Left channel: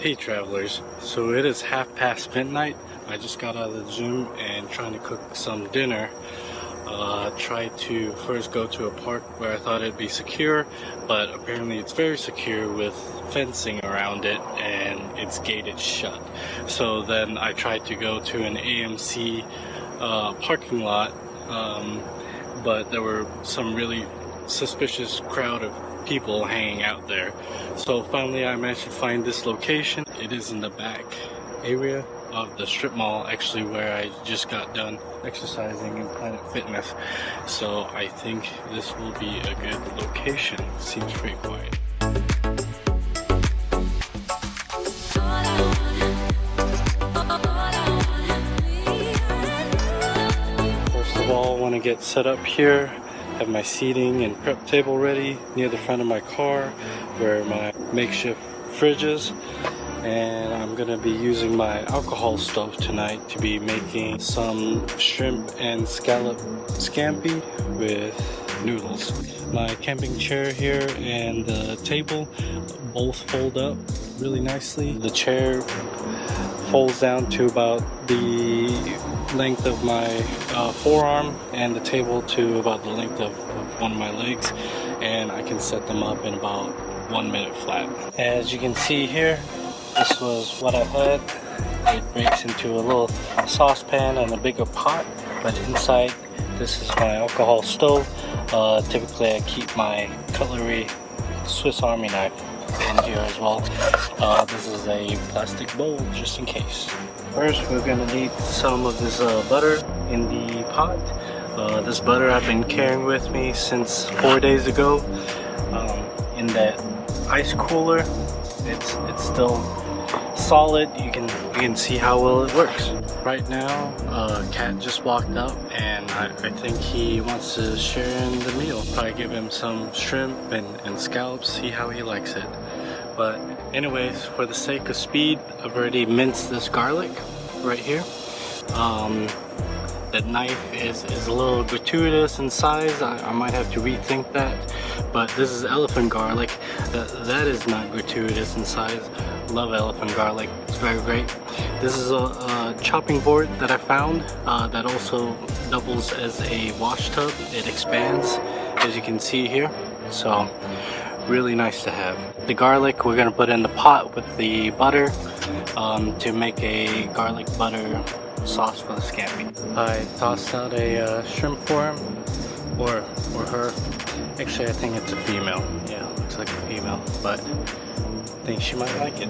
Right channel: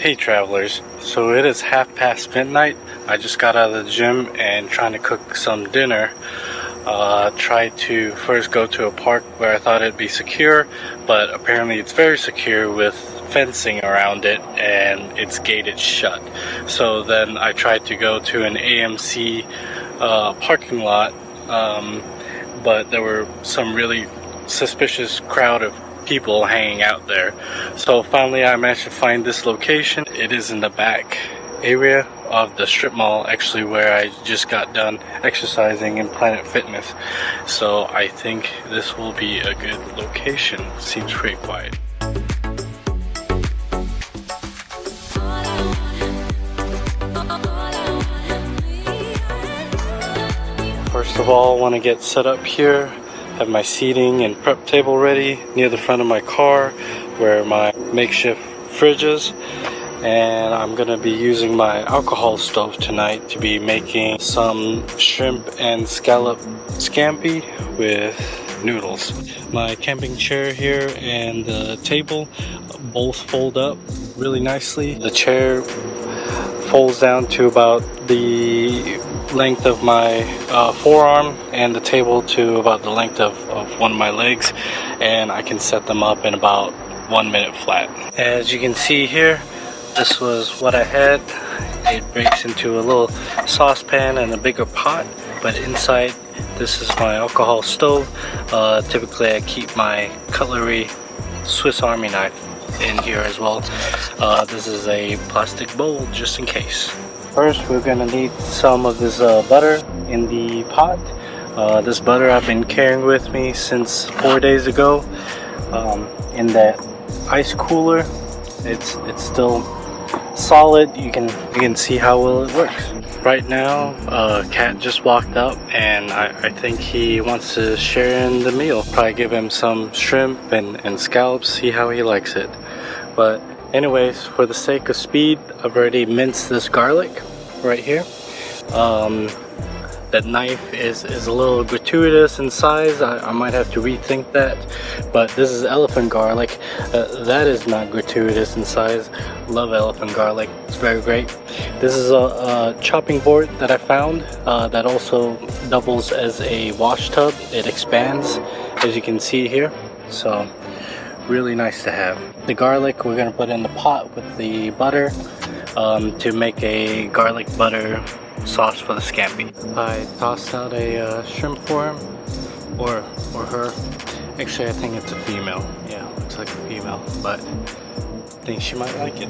Hey travelers, so it is midnight. I just got out of the gym and trying to cook some dinner. Tried to first go to a park where I thought it'd be secure, but apparently it's very secure with fencing around it and it's gated shut. So then I tried to go to an AMC parking lot, but there were some really suspicious crowd of people hanging out there. So finally I managed to find this location. It is in the back area of the strip mall, actually, where I just got done exercising in Planet Fitness. So I think this will be a good location. Seems pretty quiet. First of all, I want to get set up here. Have my seating and prep table ready near the front of my car where my makeshift fridge is. And I'm gonna be using my alcohol stove tonight to be making some shrimp and scallop scampi with noodles. My camping chair here and the table both fold up really nicely. The chair folds down to about the length of my forearm, and the table to about the length of one of my legs, and I can set them up in about 1 minute flat. As you can see here, this was what I had. It breaks into a little saucepan and a bigger pot, but inside this is my alcohol stove. Typically I keep my cutlery Swiss Army knife in here as well. This is a plastic bowl just in case. First, we're gonna need some of this butter in the pot. This butter I've been carrying with me since 4 days ago in that ice cooler. It's still solid. You can see how well it works. Right now, Cat just walked up, and I think he wants to share in the meal. Probably give him some shrimp and scallops, see how he likes it. But anyways, for the sake of speed, I've already minced this garlic right here. That knife is a little gratuitous in size. I might have to rethink that. But this is elephant garlic. That is not gratuitous in size. Love elephant garlic. It's very great. This is a chopping board that I found that also doubles as a wash tub. It expands, as you can see here. So really nice to have. The garlic we're gonna put in the pot with the butter to make a garlic butter sauce for the scampi. I tossed out a shrimp for him, or her. Actually, I think it's a female. Yeah, looks like a female, but I think she might like it.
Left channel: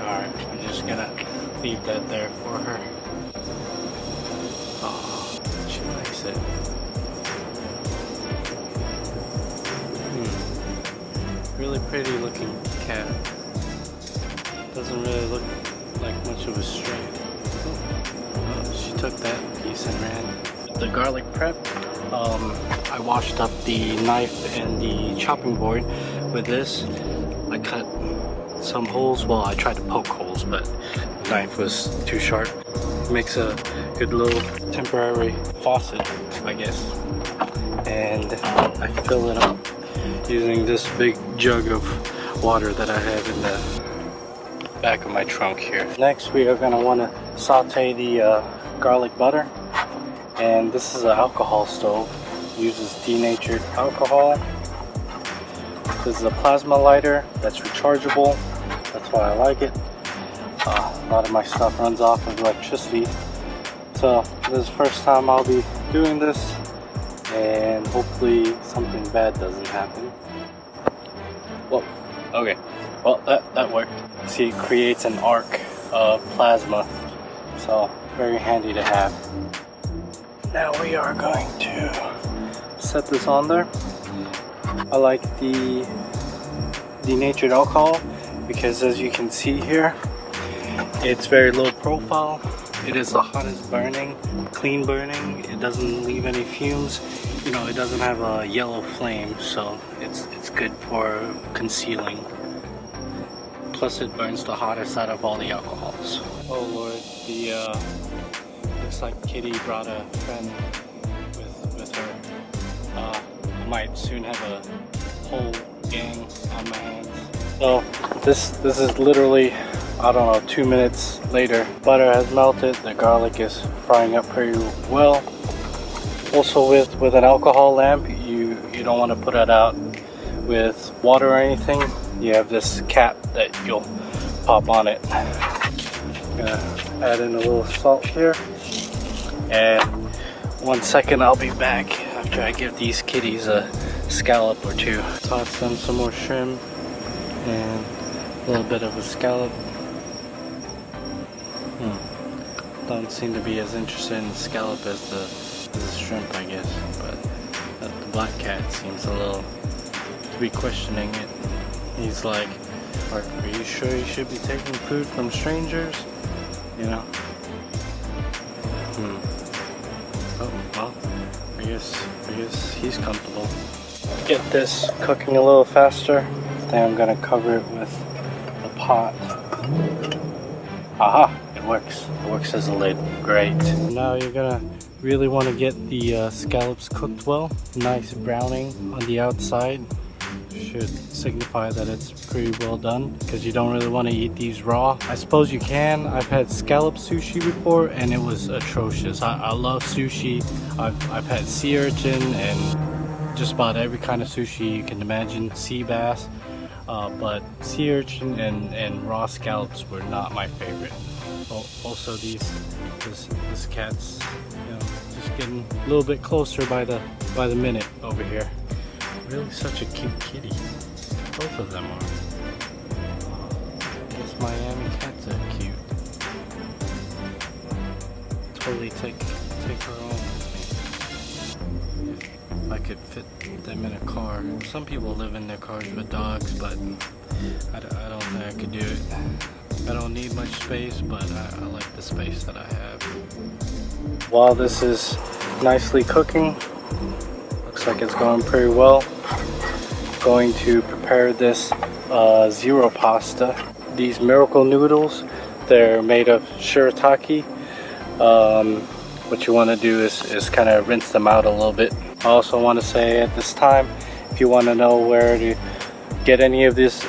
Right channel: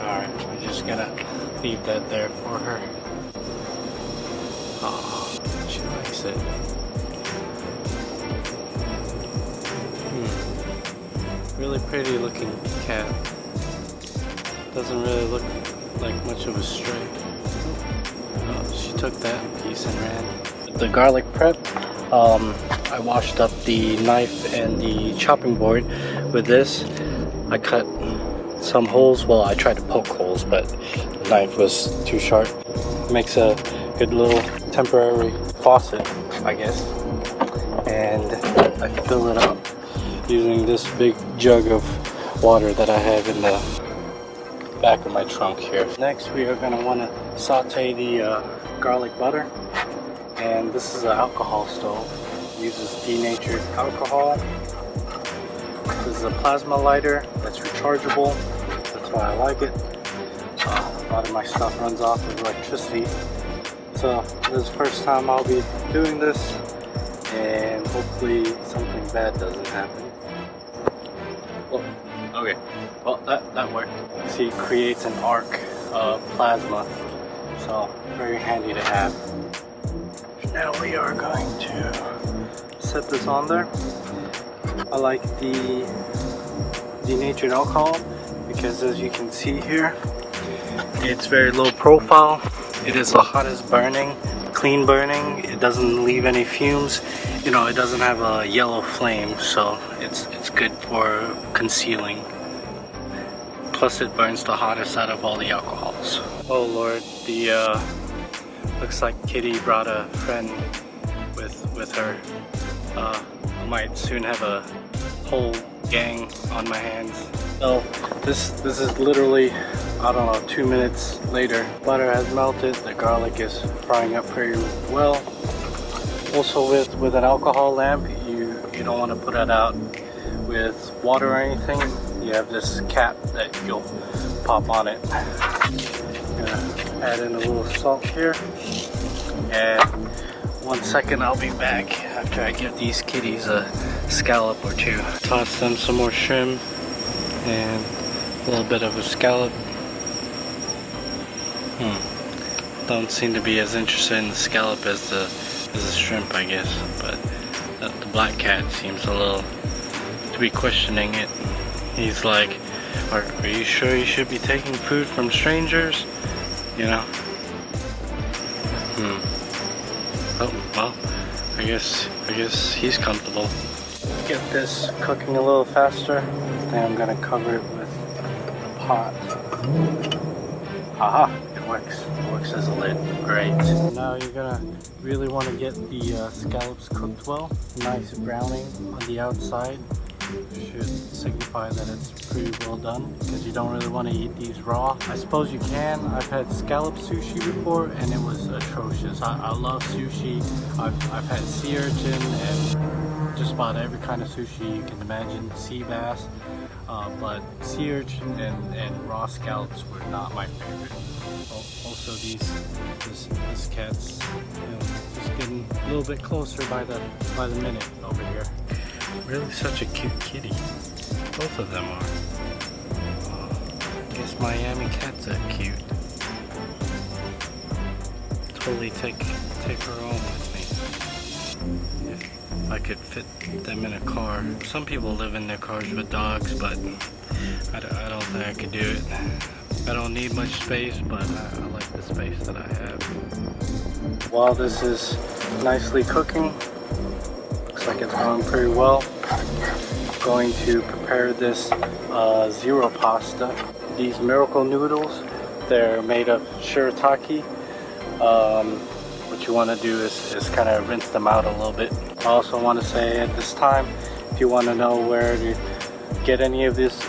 Alright, I'm just gonna leave that there for her. Oh, she likes it. Really pretty looking cat. Doesn't really look like much of a stray. Oh, she took that piece and ran. The garlic prep, I washed up the knife and the chopping board with this. I cut some holes. Well, I tried to poke holes, but the knife was too sharp. Makes a good little temporary faucet, I guess. And I fill it up using this big jug of water that I have in the back of my trunk here. Next, we are going to want to saute the garlic butter. And this is an alcohol stove. It uses denatured alcohol. This is a plasma lighter that's rechargeable. That's why I like it. A lot of my stuff runs off of electricity. So this is the first time I'll be doing this, and hopefully something bad doesn't happen. Well, okay. Well, that worked. See, it creates an arc of plasma. So, very handy to have. Now we are going to set this on there. I like the denatured alcohol because, as you can see here, it's very low profile. It is the hottest burning, clean burning. It doesn't leave any fumes. You know, it doesn't have a yellow flame, so it's good for concealing. Plus it burns the hottest out of all the alcohols. Oh Lord, the looks like Kitty brought a friend with with her. I might soon have a whole gang on my hands. So this is literally, I don't know, 2 minutes later. Butter has melted, the garlic is frying up pretty well. Also with an alcohol lamp, you don't want to put it out with water or anything. You have this cap that you'll pop on it. Gonna add in a little salt here. And 1 second, I'll be back after I give these kitties a scallop or two. Toss them some more shrimp and a little bit of a scallop. Don't seem to be as interested in the scallop as the shrimp, I guess. But the black cat seems a little to be questioning it. He's like, are you sure you should be taking food from strangers? You know? Oh, well, I guess he's comfortable. Get this cooking a little faster. Then I'm gonna cover it with a pot. Aha, it works. It works as a lid. Great. Now you're gonna really want to get the scallops cooked well. Nice browning on the outside. Should signify that it's pretty well done, because you don't really want to eat these raw. I suppose you can. I've had scallop sushi before and it was atrocious. I love sushi. I've had sea urchin and just about every kind of sushi you can imagine, sea bass, but sea urchin and raw scallops were not my favorite. Also this cat's, you know, just getting a little bit closer by the minute over here. Really such a cute kitty. Both of them are. I guess Miami cats are cute. Totally take her home with me. If I could fit them in a car. Some people live in their cars with dogs, but I don't think I could do it. I don't need much space, but I like the space that I have. While this is nicely cooking, looks like it's going pretty well. Going to prepare this zero pasta. These miracle noodles, they're made of shirataki. What you want to do is kind of rinse them out a little bit. I also want to say at this time, if you want to know where to get any of this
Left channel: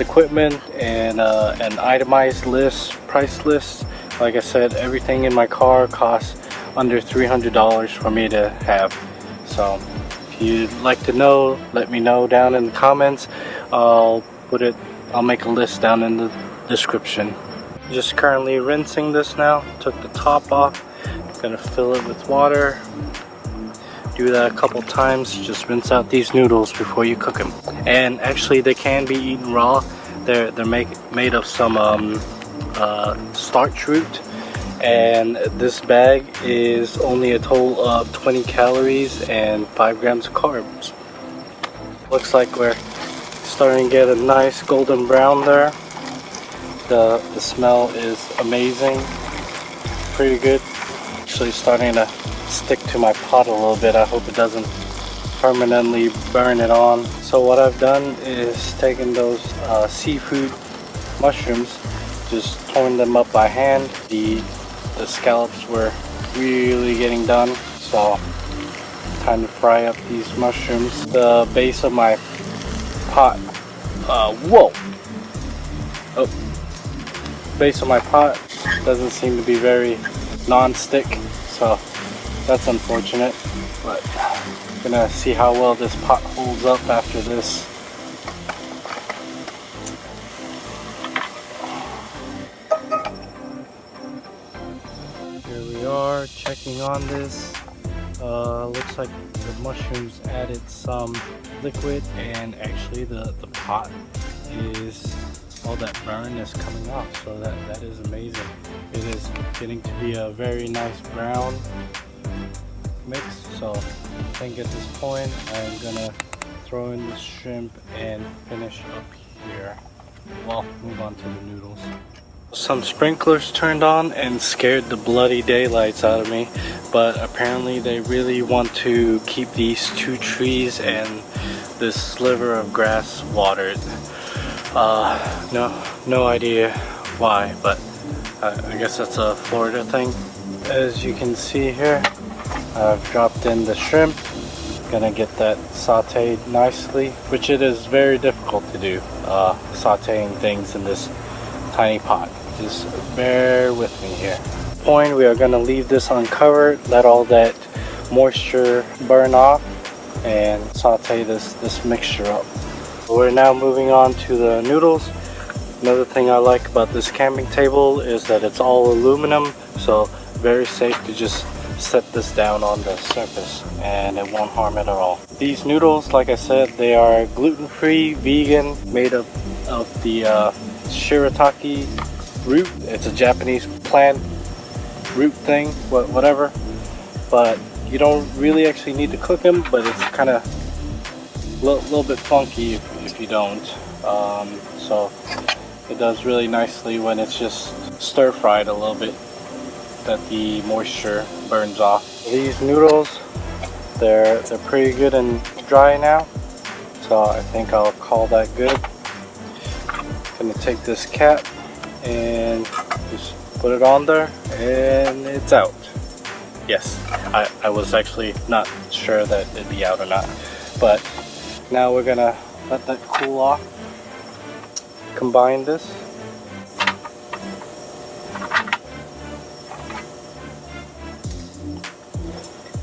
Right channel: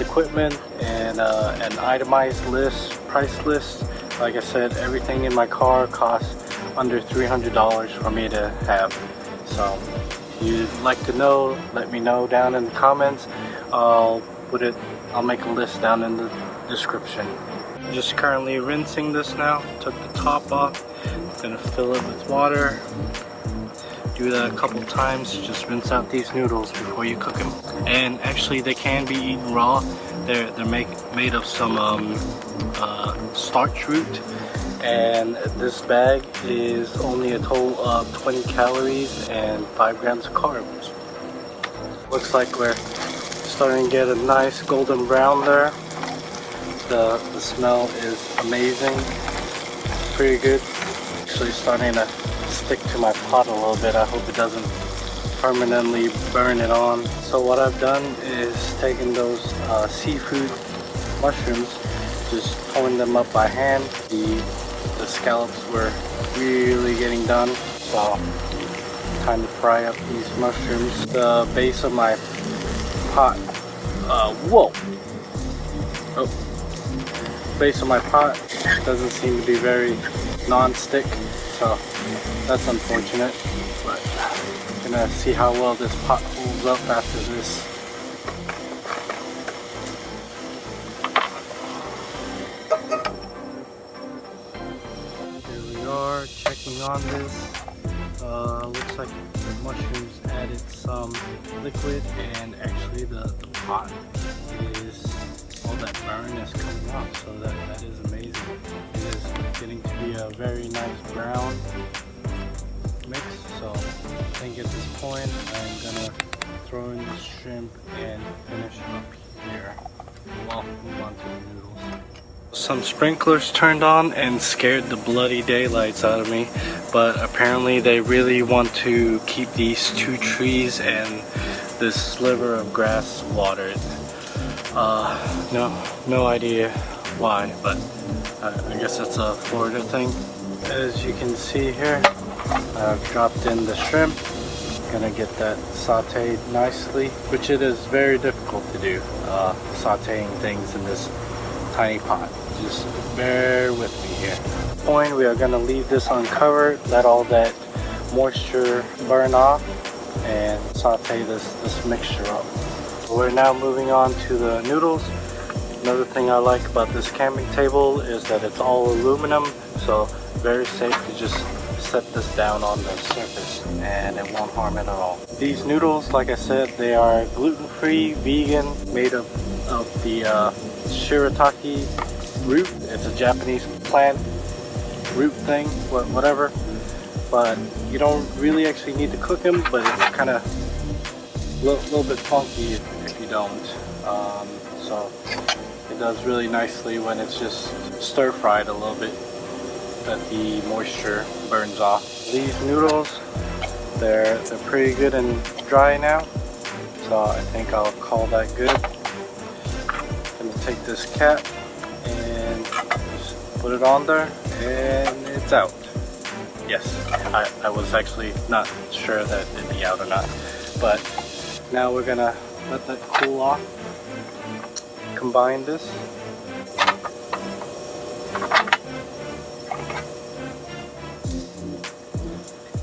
equipment and an itemized list, price list, like I said, everything in my car costs under $300 for me to have. So if you'd like to know, let me know down in the comments. I'll make a list down in the description. Just currently rinsing this now. Took the top off. Gonna fill it with water. Do that a couple times. Just rinse out these noodles before you cook them. And actually, they can be eaten raw. They're made of some starch root. And this bag is only a total of 20 calories and 5 grams of carbs. Looks like we're starting to get a nice golden brown there. The smell is amazing. Pretty good. Actually starting to stick to my pot a little bit. I hope it doesn't permanently burn it on. So what I've done is taken those seafood mushrooms, just turned them up by hand. The scallops were really getting done, so time to fry up these mushrooms. The base of my pot, base of my pot doesn't seem to be very non-stick, so that's unfortunate. But I'm gonna see how well this pot holds up after this. Here we are checking on this. Looks like the mushrooms added some liquid, and actually the pot is, all that burn is coming off, so that is amazing. It is getting to be a very nice brown mix, so I think at this point I'm gonna throw in the shrimp and finish up here. Well, move on to the noodles. Some sprinklers turned on and scared the bloody daylights out of me, but apparently they really want to keep these 2 trees and this sliver of grass watered. No idea why, but I guess that's a Florida thing. As you can see here, I've dropped in the shrimp. Gonna get that sauteed nicely, which it is very difficult to do, sauteing things in this tiny pot. Just bear with me here. Point, we are gonna leave this uncovered, let all that moisture burn off, and saute this mixture up. We're now moving on to the noodles. Another thing I like about this camping table is that it's all aluminum, so very safe to just set this down on the surface and it won't harm it at all. These noodles, like I said, they are gluten-free, vegan, made of the Shirataki root. It's a Japanese plant root thing, whatever. But you don't really actually need to cook them, but it's kind of a little bit funky if you don't. So it does really nicely when it's just stir-fried a little bit, that the moisture burns off. These noodles, they're pretty good and dry now, so I think I'll call that good. I'm gonna take this cap and just put it on there, and it's out. Yes, I was actually not sure that it'd be out or not, but now we're gonna let that cool off. Combine this.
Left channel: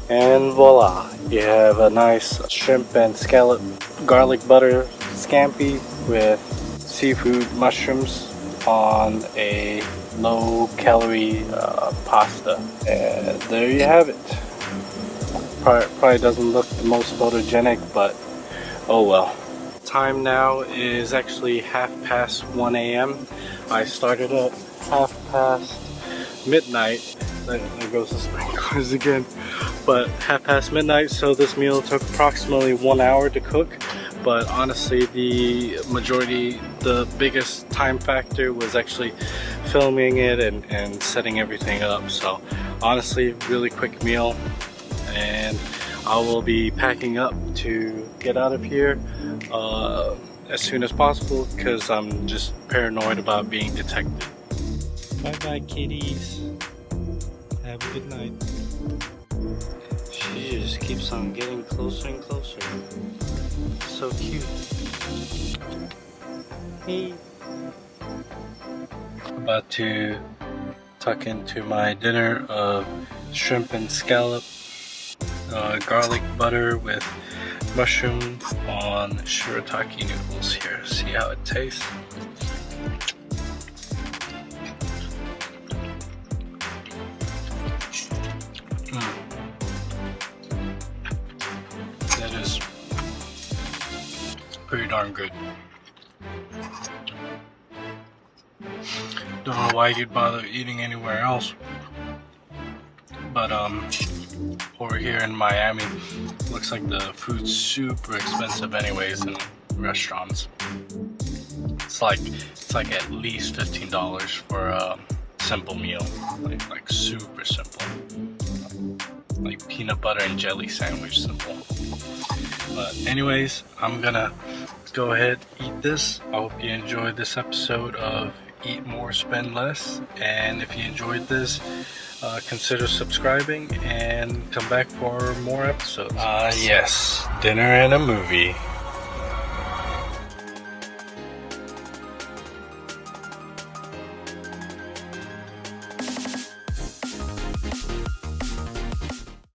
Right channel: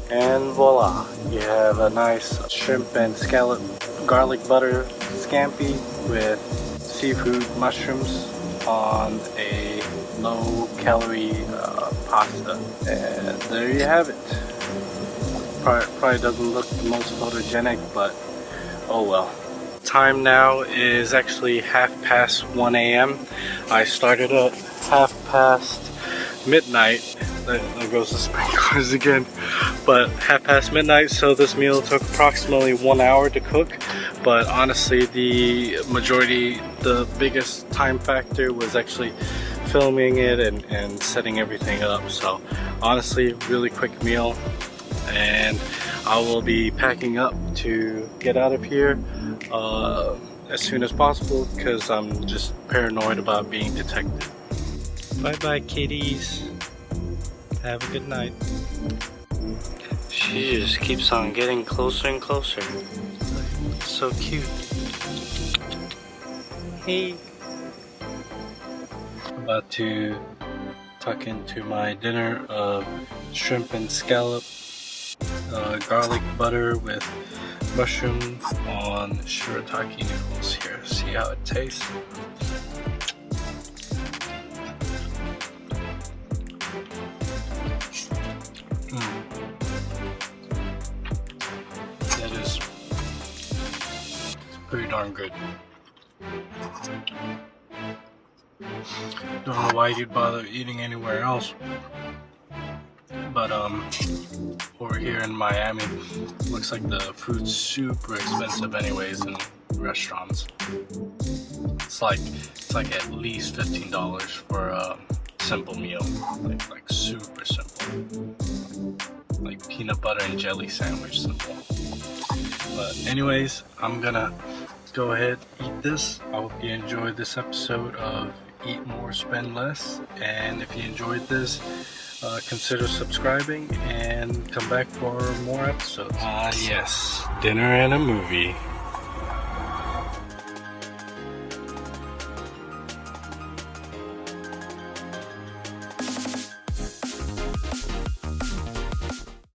And voila, you have a nice shrimp and scallop garlic butter scampi with seafood mushrooms on a low calorie pasta. And there you have it. Probably doesn't look the most photogenic, but oh well. Time now is actually 1:30 a.m. I started at midnight. There goes the sprinklers again. But midnight, so this meal took approximately 1 hour to cook. But honestly, the biggest time factor was actually filming it and setting everything up. So honestly, really quick meal, and I will be packing up to get out of here as soon as possible because I'm just paranoid about being detected. Bye bye kitties, have a good night. She just keeps on getting closer and closer. So cute. Hey. About to tuck into my dinner of shrimp and scallop, garlic butter with mushroom on shirataki noodles here. See how it tastes. That is pretty darn good. Don't know why you'd bother eating anywhere else, but over here in Miami, looks like the food's super expensive anyways in restaurants. It's like at least $15 for a simple meal, like super simple, like peanut butter and jelly sandwich simple. But anyways, I'm gonna go ahead, eat this. I hope you enjoyed this episode of Eat More, Spend Less. And if you enjoyed this, consider subscribing and come back for more episodes. Yes, dinner and a movie.